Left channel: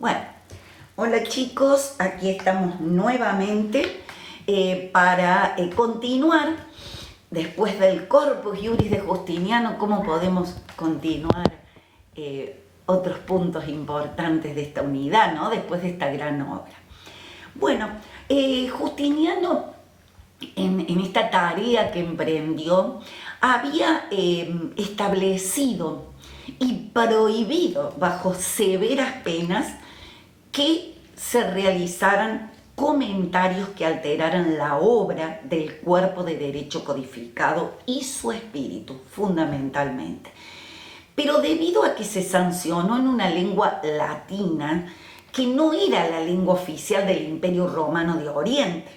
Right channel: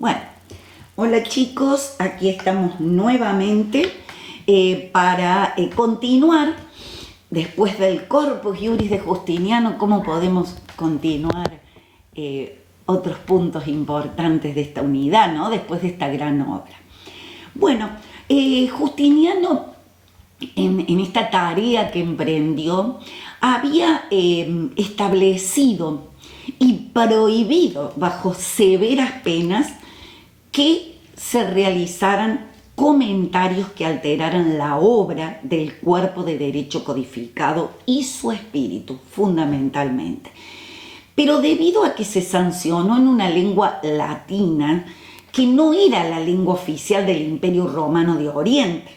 Bueno, hola chicos, aquí estamos nuevamente para continuar después del Corpus Juris de Justiniano, cómo podemos continuar otros puntos importantes de esta unidad, ¿no? Después de esta gran obra. Bueno, Justiniano en esta tarea que emprendió había establecido y prohibido bajo severas penas que se realizaran comentarios que alteraran la obra del cuerpo de derecho codificado y su espíritu, fundamentalmente. Pero debido a que se sancionó en una lengua latina que no era la lengua oficial del Imperio Romano de Oriente,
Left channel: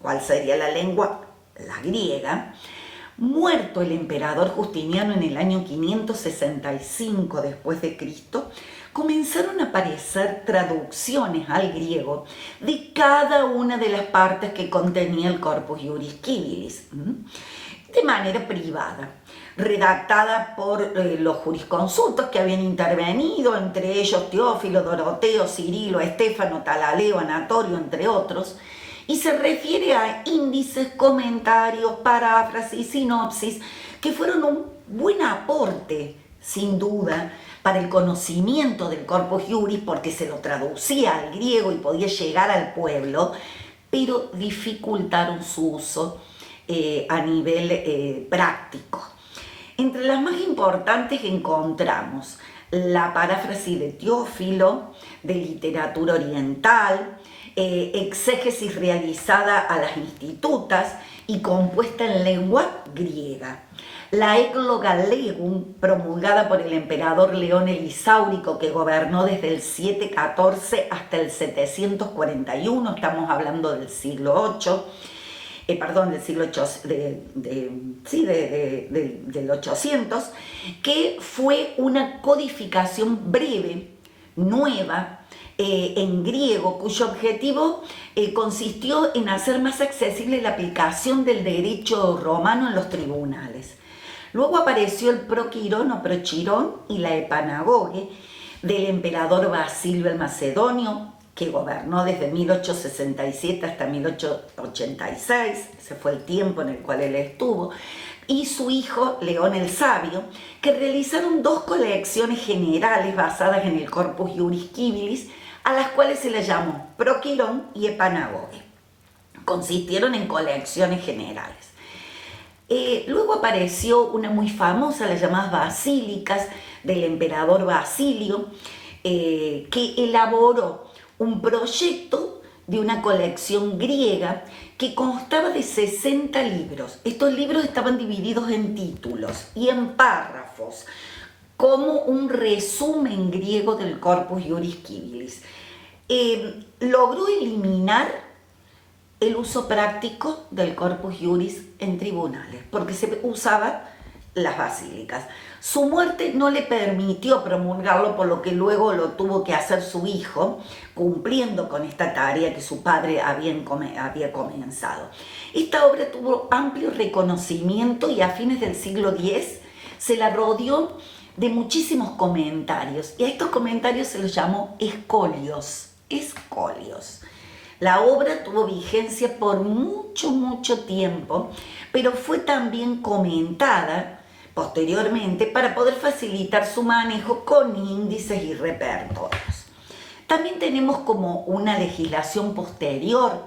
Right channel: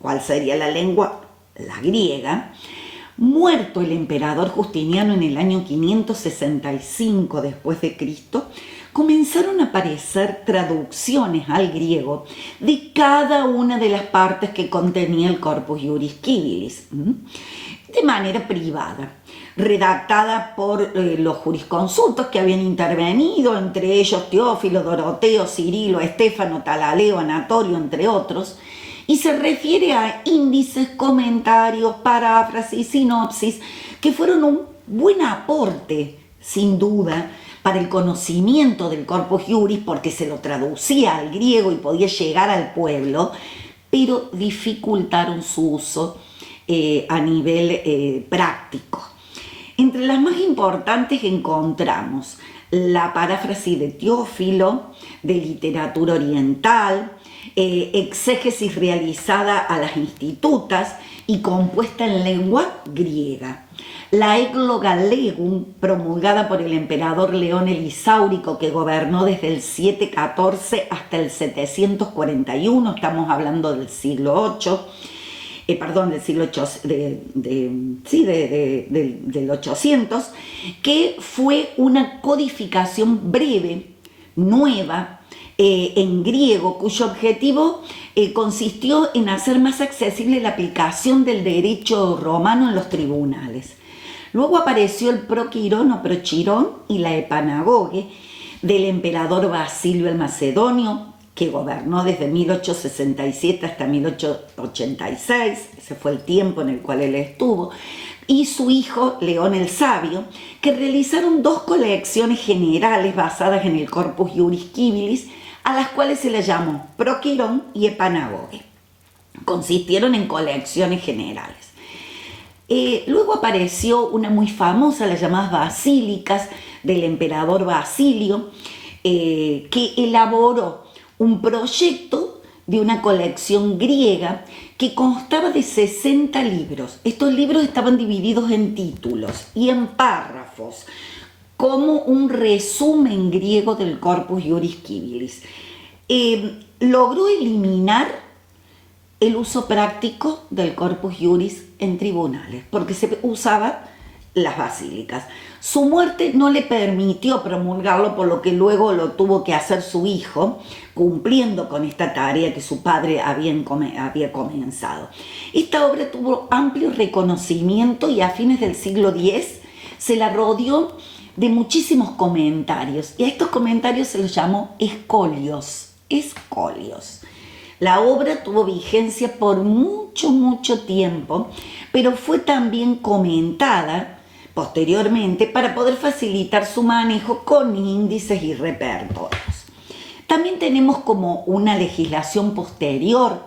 ¿cuál sería la lengua? La griega. Muerto el emperador Justiniano en el año 565 después de Cristo, comenzaron a aparecer traducciones al griego de cada una de las partes que contenía el Corpus Juris Civilis, de manera privada, redactada por los jurisconsultos que habían intervenido, entre ellos Teófilo, Doroteo, Cirilo, Estéfano, Talaleo, Anatorio, entre otros, y se refiere a índices, comentarios, paráfrasis, sinopsis, que fueron un buen aporte, sin duda, para el conocimiento del Corpus Juris, porque se lo traducía al griego y podía llegar al pueblo, pero dificultaron su uso a nivel práctico. Entre las más importantes encontramos la paráfrasis de Teófilo, de literatura oriental, exégesis realizada a las institutas y compuesta en lengua griega. La Ecloga Legum, promulgada por el emperador León el Isáurico, que gobernó desde el 714 hasta el 741, estamos hablando del siglo VIII, del siglo del 800, que fue una codificación breve, nueva, en griego, cuyo objetivo consistió en hacer más accesible la aplicación del derecho romano en los tribunales. Luego apareció el Proquirón o Prochirón y la Epanagoge del emperador Basilio el Macedonio, que gobernó desde 1867 hasta 1886, ese fue el tiempo en el cual él estuvo, y su hijo León el Sabio, que realizaron dos colecciones generales basadas en el Corpus Juris Civilis, a las cuales se les llamó Proquirón y Epanagoge. Consistieron en colecciones generales. Luego apareció una muy famosa, las llamadas basílicas del emperador Basilio, que elaboró un proyecto de una colección griega que constaba de 60 libros. Estos libros estaban divididos en títulos y en párrafos, como un resumen griego del Corpus Juris Civilis. Logró eliminar el uso práctico del Corpus Juris en tribunales, porque se usaba las basílicas. Su muerte no le permitió promulgarlo, por lo que luego lo tuvo que hacer su hijo, cumpliendo con esta tarea que su padre había comenzado. Esta obra tuvo amplio reconocimiento y a fines del siglo X se la rodeó de muchísimos comentarios, y a estos comentarios se los llamó escolios. La obra tuvo vigencia por mucho tiempo, pero fue también comentada posteriormente para poder facilitar su manejo con índices y repertorios. También tenemos como una legislación posterior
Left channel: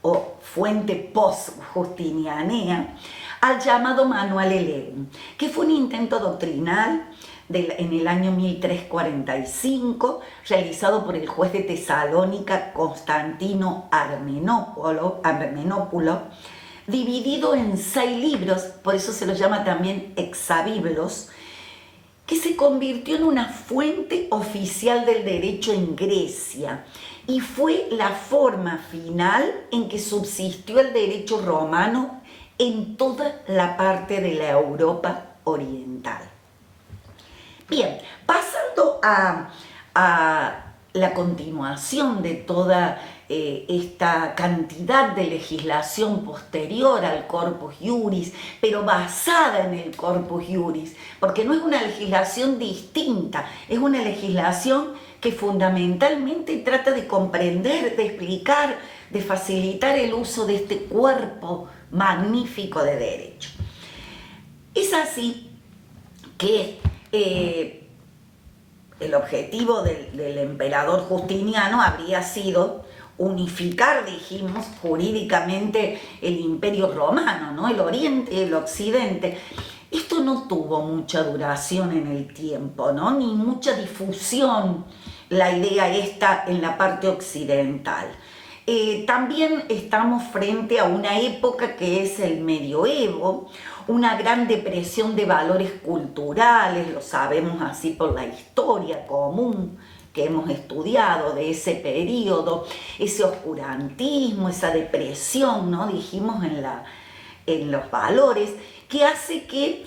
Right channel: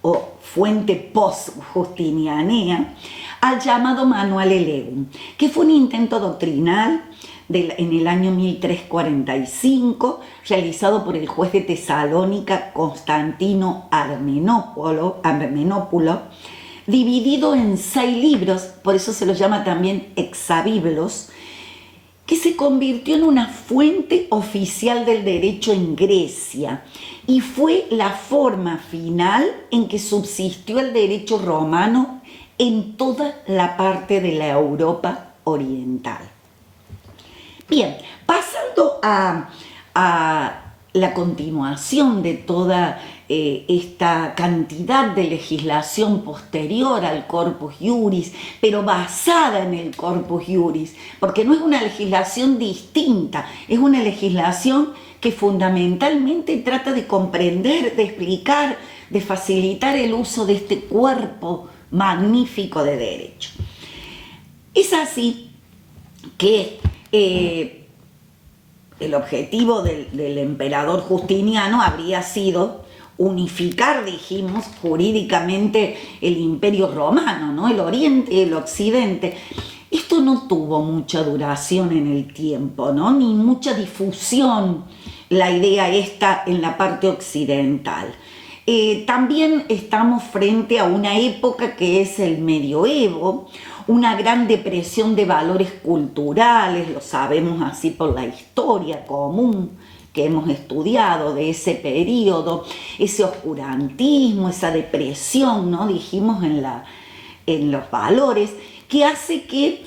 o fuente post-justinianea al llamado Manual Legum, que fue un intento doctrinal en el año 1345, realizado por el juez de Tesalónica Constantino Armenópulo, dividido en 6 libros, por eso se los llama también exabiblos, que se convirtió en una fuente oficial del derecho en Grecia y fue la forma final en que subsistió el derecho romano en toda la parte de la Europa oriental. Bien, pasando a la continuación de toda esta cantidad de legislación posterior al Corpus Juris, pero basada en el Corpus Juris, porque no es una legislación distinta, es una legislación que fundamentalmente trata de comprender, de explicar, de facilitar el uso de este cuerpo magnífico de derecho. Es así que el objetivo del emperador Justiniano habría sido unificar, dijimos, jurídicamente el Imperio Romano, ¿no? El Oriente y el Occidente. Esto no tuvo mucha duración en el tiempo, ¿no? Ni mucha difusión, la idea esta en la parte occidental. También estamos frente a una época que es el medioevo, una gran depresión de valores culturales, lo sabemos así por la historia común que hemos estudiado de ese periodo, ese oscurantismo, esa depresión, ¿no? Dijimos en los valores, que hace que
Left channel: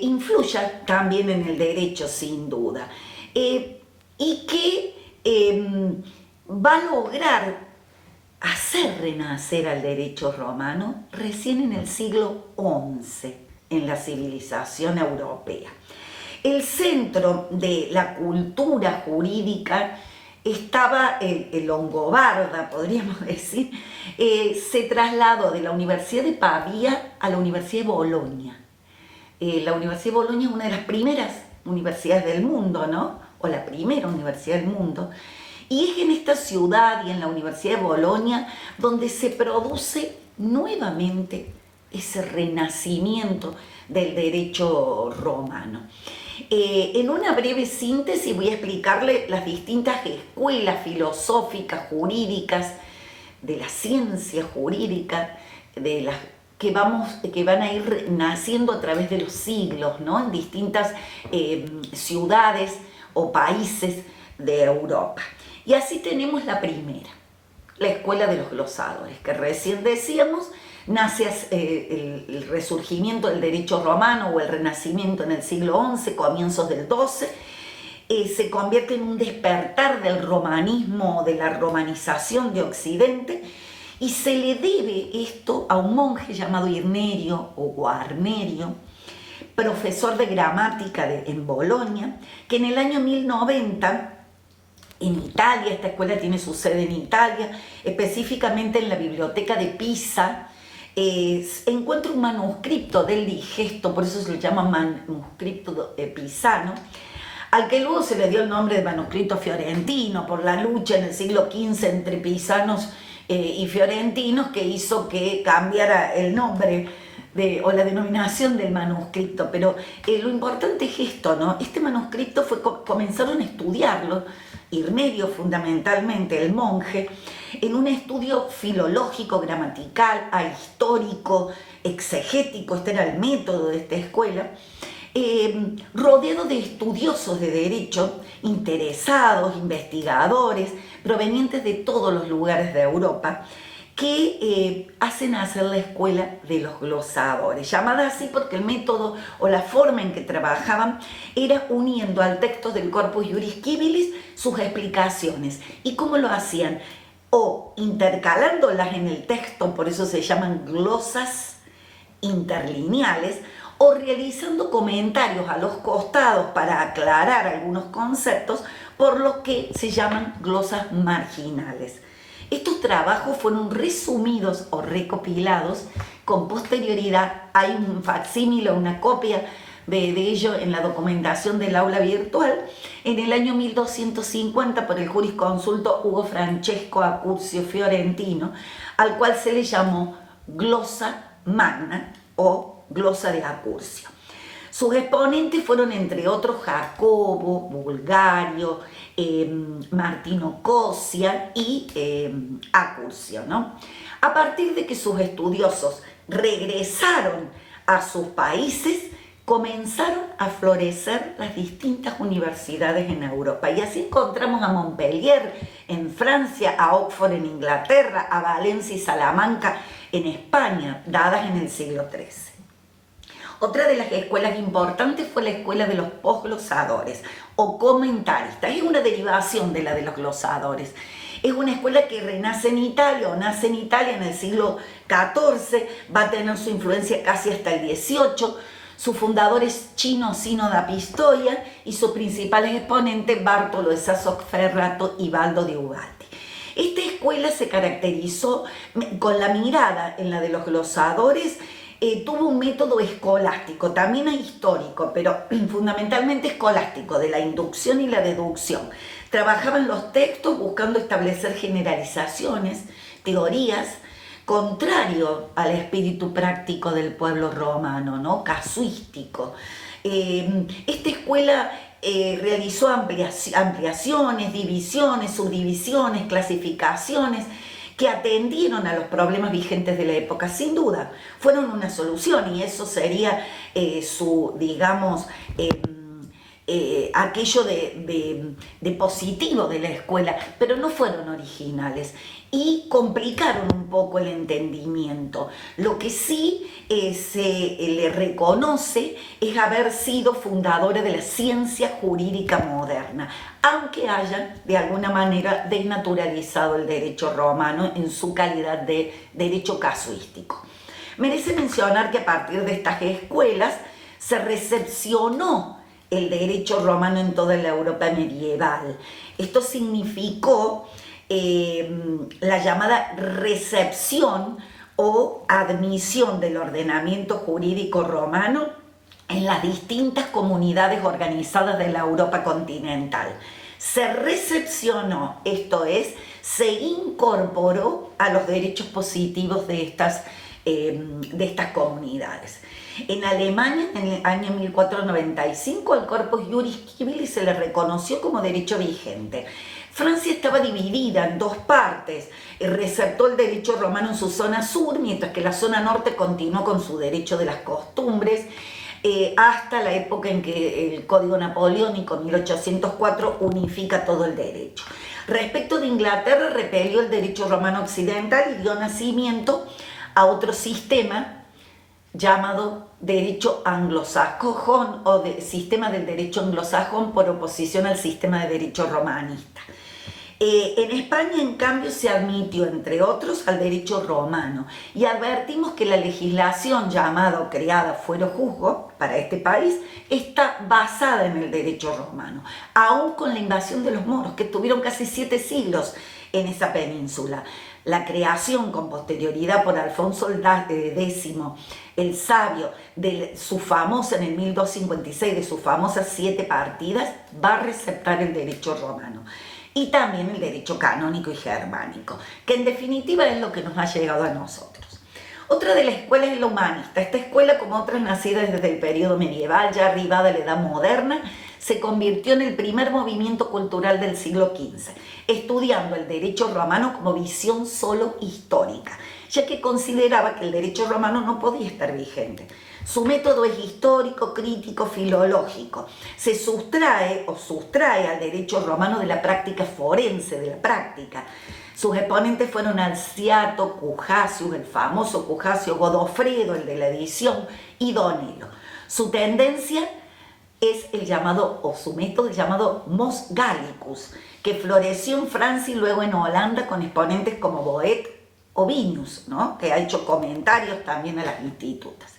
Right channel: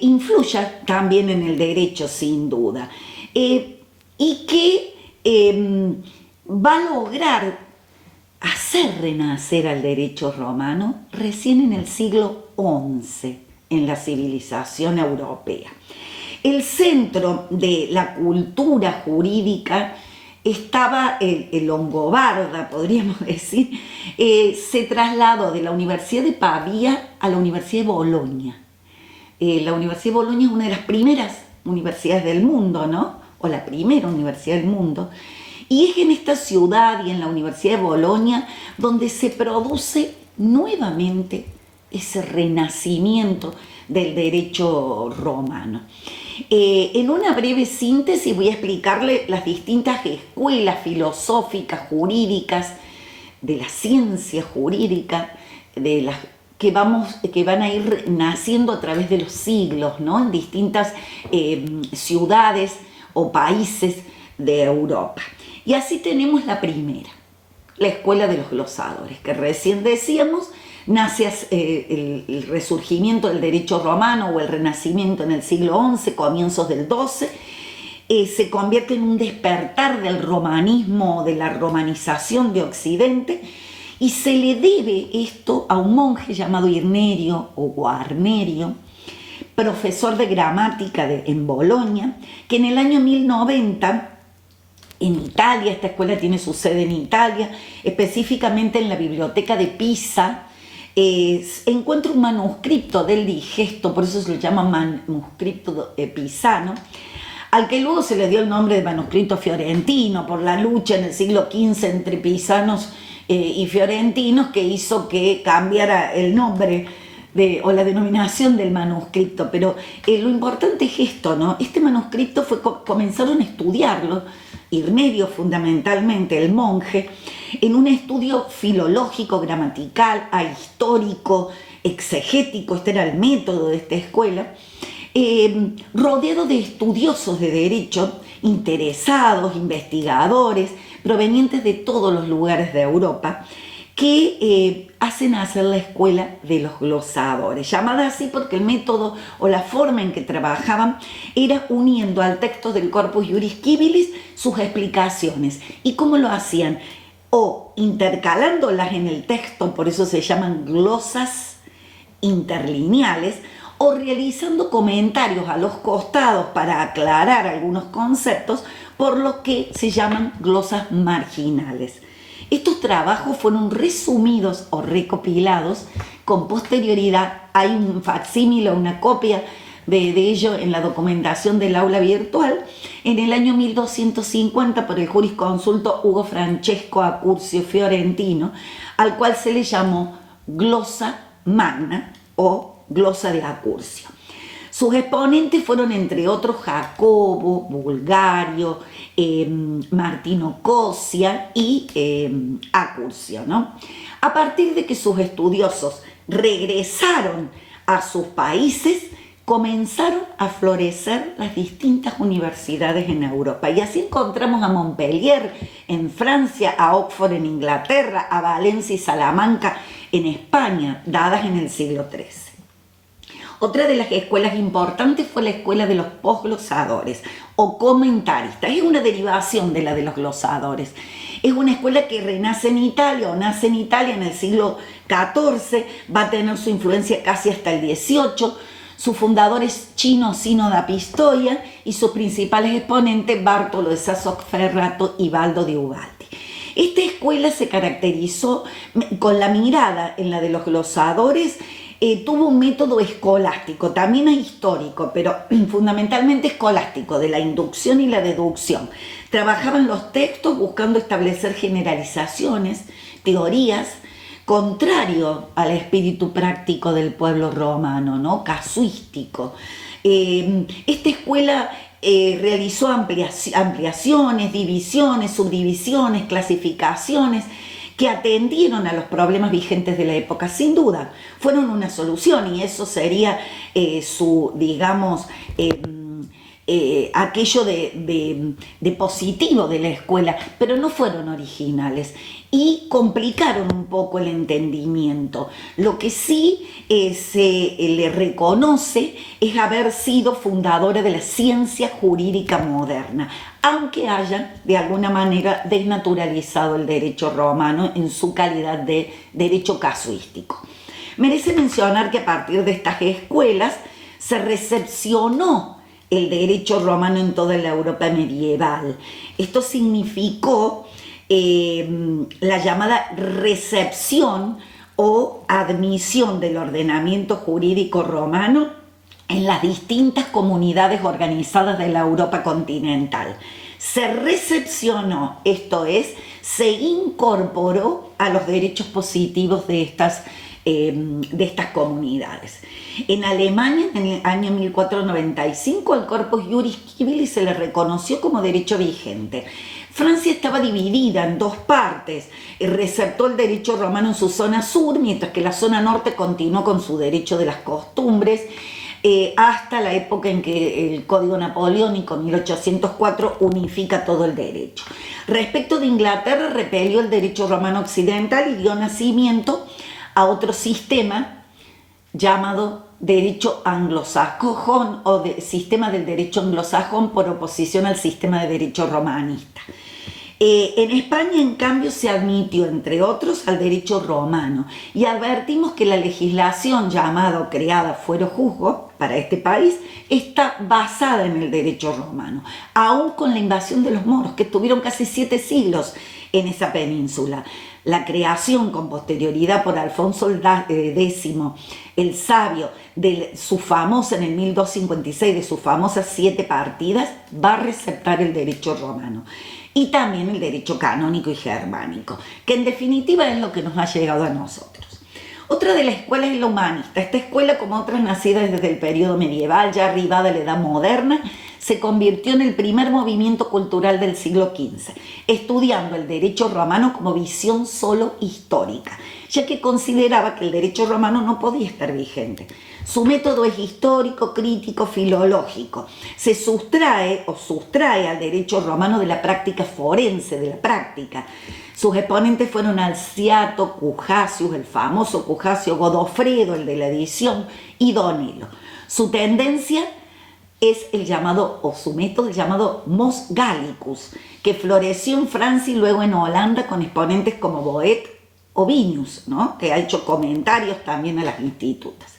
influya también en el derecho, sin duda, y que va a lograr hacer renacer al derecho romano recién en el siglo XI en la civilización europea. El centro de la cultura jurídica estaba en Longobarda, podríamos decir, se trasladó de la Universidad de Pavía a la Universidad de Bolonia. La Universidad de Bolonia es una de las primeras universidades del mundo, ¿no? O la primera universidad del mundo. Y es en esta ciudad y en la Universidad de Bolonia donde se produce nuevamente ese renacimiento del derecho romano. En una breve síntesis voy a explicarle las distintas escuelas filosóficas, jurídicas, de la ciencia jurídica, de las que van a ir naciendo a través de los siglos, ¿no? En distintas ciudades o países de Europa. Y así tenemos la primera, la escuela de los glosadores, que recién decíamos, nace el resurgimiento del derecho romano o el renacimiento en el siglo XI, comienzos del XII, se convierte en un despertar del romanismo, de la romanización de Occidente, y se le debe esto a un monje llamado Irnerio o Guarnerio, profesor de gramática en Bolonia, que en el año 1090, en Italia, esta escuela tiene su sede en Italia, específicamente en la biblioteca de Pisa, encuentra un manuscrito del Digesto, por eso se lo llama manuscrito pisano, al que luego se le dio el nombre de manuscrito fiorentino, por la lucha en el siglo XV entre pisanos y fiorentinos, que hizo que cambiara el nombre o la denominación del manuscrito. Pero lo importante es esto, ¿no? Este manuscrito comenzaron a estudiarlo, Irnerio fundamentalmente, el monje, en un estudio filológico, gramatical, histórico, exegético, este era el método de esta escuela, rodeado de estudiosos de derecho, interesados, investigadores, provenientes de todos los lugares de Europa, que hacen hacer la escuela de los glosadores, llamada así porque el método o la forma en que trabajaban era uniendo al texto del Corpus Juris Civilis sus explicaciones. ¿Y cómo lo hacían? O intercalándolas en el texto, por eso se llaman glosas interlineales, o realizando comentarios a los costados para aclarar algunos conceptos, por lo que se llaman glosas marginales. Estos trabajos fueron resumidos o recopilados con posterioridad. Hay un facsímil o una copia de ello en la documentación del aula virtual en el año 1250 por el jurisconsulto Hugo Francesco Accurcio Fiorentino, al cual se le llamó glosa magna o glosa de Accurcio. Sus exponentes fueron, entre otros, Jacobo, Bulgario, Martino Cosia y Accurcio, ¿no? A partir de que sus estudiosos regresaron a sus países, comenzaron a florecer las distintas universidades en Europa. Y así encontramos a Montpellier en Francia, a Oxford en Inglaterra, a Valencia y Salamanca en España, dadas en el siglo XIII. Otra de las escuelas importantes fue la escuela de los posglosadores o comentaristas. Es una derivación de la de los glosadores. Es una escuela que renace en Italia o nace en Italia en el siglo XIV, va a tener su influencia casi hasta el XVIII. Su fundador es Cino Sino da Pistoia y sus principales exponentes Bartolo de Sassoferrato y Baldo de Ubaldi. Esta escuela se caracterizó con la mirada en la de los glosadores. Tuvo un método escolástico, también histórico, pero fundamentalmente escolástico, de la inducción y la deducción. Trabajaban los textos buscando establecer generalizaciones, teorías, contrario al espíritu práctico del pueblo romano, ¿no? Casuístico. Esta escuela realizó ampliaciones, divisiones, subdivisiones, clasificaciones, que atendieron a los problemas vigentes de la época, sin duda, fueron una solución, y eso sería digamos, aquello de positivo de la escuela, pero no fueron originales y complicaron un poco el entendimiento. Lo que sí se le reconoce es haber sido fundadora de la ciencia jurídica moderna, aunque hayan de alguna manera desnaturalizado el derecho romano en su calidad de derecho casuístico. Merece mencionar que a partir de estas escuelas se recepcionó el derecho romano en toda la Europa medieval. Esto significó la llamada recepción o admisión del ordenamiento jurídico romano en las distintas comunidades organizadas de la Europa continental. Se recepcionó, esto es, se incorporó a los derechos positivos de estas comunidades. En Alemania, en el año 1495, al Corpus Juris Civilis se le reconoció como derecho vigente. Francia estaba dividida en dos partes, receptó el derecho romano en su zona sur, mientras que la zona norte continuó con su derecho de las costumbres, hasta la época en que el Código Napoleónico, 1804, unifica todo el derecho. Respecto de Inglaterra, repelió el derecho romano occidental y dio nacimiento a otro sistema llamado derecho anglosajón o sistema del derecho anglosajón por oposición al sistema de derecho romanista. En España, en cambio, se admitió, entre otros, al derecho romano, y advertimos que la legislación llamada o creada fuero juzgo para este país está basada en el derecho romano, aún con la invasión de los moros, que estuvieron casi 7 siglos en esa península. La creación con posterioridad por Alfonso X, el Sabio, de su famosa, en el 1256, de sus famosas 7 partidas, va a receptar el derecho romano. Y también el derecho canónico y germánico, que en definitiva es lo que nos ha llegado a nosotros. Otra de las escuelas es la humanista. Esta escuela, como otras nacidas desde el periodo medieval, ya arribada a la edad moderna, se convirtió en el primer movimiento cultural del siglo XV, estudiando el derecho romano como visión solo histórica, ya que consideraba que el derecho romano no podía estar vigente. Su método es histórico, crítico, filológico. Se sustrae al derecho romano de la práctica forense, de la práctica. Sus exponentes fueron Alciato, Cujacius, el famoso Cujacio, Godofredo, el de la edición, y Donelo. Su tendencia es el llamado, o su método, el llamado Mos Gallicus, que floreció en Francia y luego en Holanda con exponentes como Boet o Vinius, ¿no? Que ha hecho comentarios también a las institutas.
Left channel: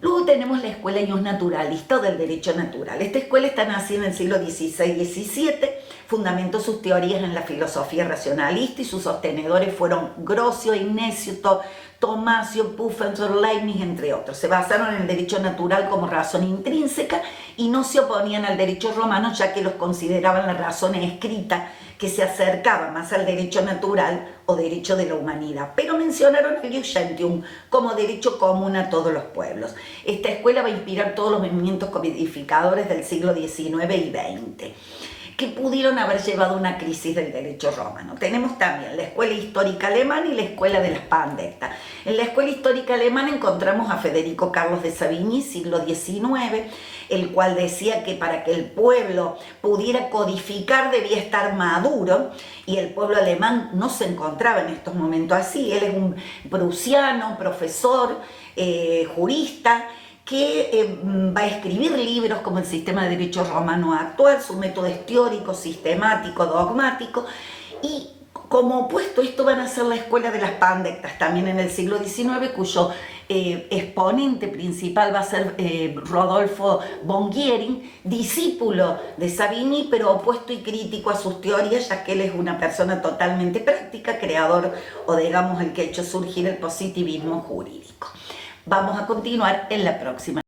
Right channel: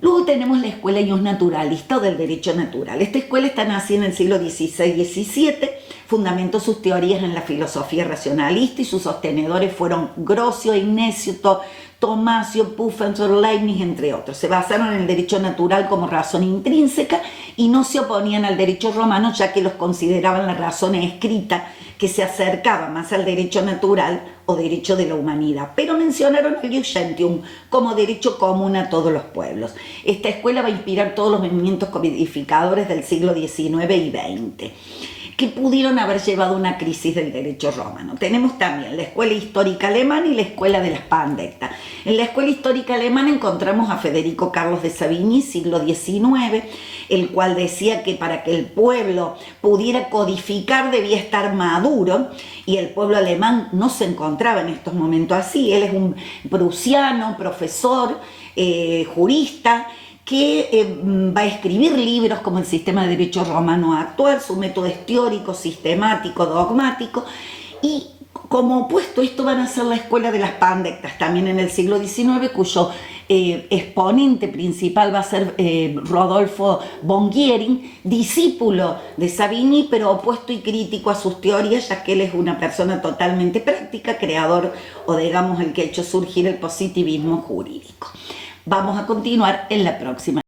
Luego tenemos la escuela naturalista o del derecho natural. Esta escuela está nacida en el siglo XVI-XVII, fundamentó sus teorías en la filosofía racionalista y sus sostenedores fueron Grocio, Ignacio, Tomasio, Puffer, Leibniz, entre otros. Se basaron en el derecho natural como razón intrínseca y no se oponían al derecho romano, ya que los consideraban la razón escrita, que se acercaba más al derecho natural o derecho de la humanidad, pero mencionaron el Ius Gentium como derecho común a todos los pueblos. Esta escuela va a inspirar todos los movimientos codificadores del siglo XIX y XX, que pudieron haber llevado a una crisis del derecho romano. Tenemos también la escuela histórica alemana y la escuela de las Pandecta. En la escuela histórica alemana encontramos a Federico Carlos de Savigny, siglo XIX, el cual decía que para que el pueblo pudiera codificar debía estar maduro, y el pueblo alemán no se encontraba en estos momentos así. Él es un prusiano, profesor, jurista, que va a escribir libros como el sistema de derecho romano actual. Su método es teórico, sistemático, dogmático, y como opuesto a esto van a ser la escuela de las Pandectas, también en el siglo XIX, cuyo exponente principal va a ser Rodolfo von Giering, discípulo de Savigny, pero opuesto y crítico a sus teorías, ya que él es una persona totalmente práctica, creador o digamos el que ha hecho surgir el positivismo jurídico. Vamos a continuar en la próxima.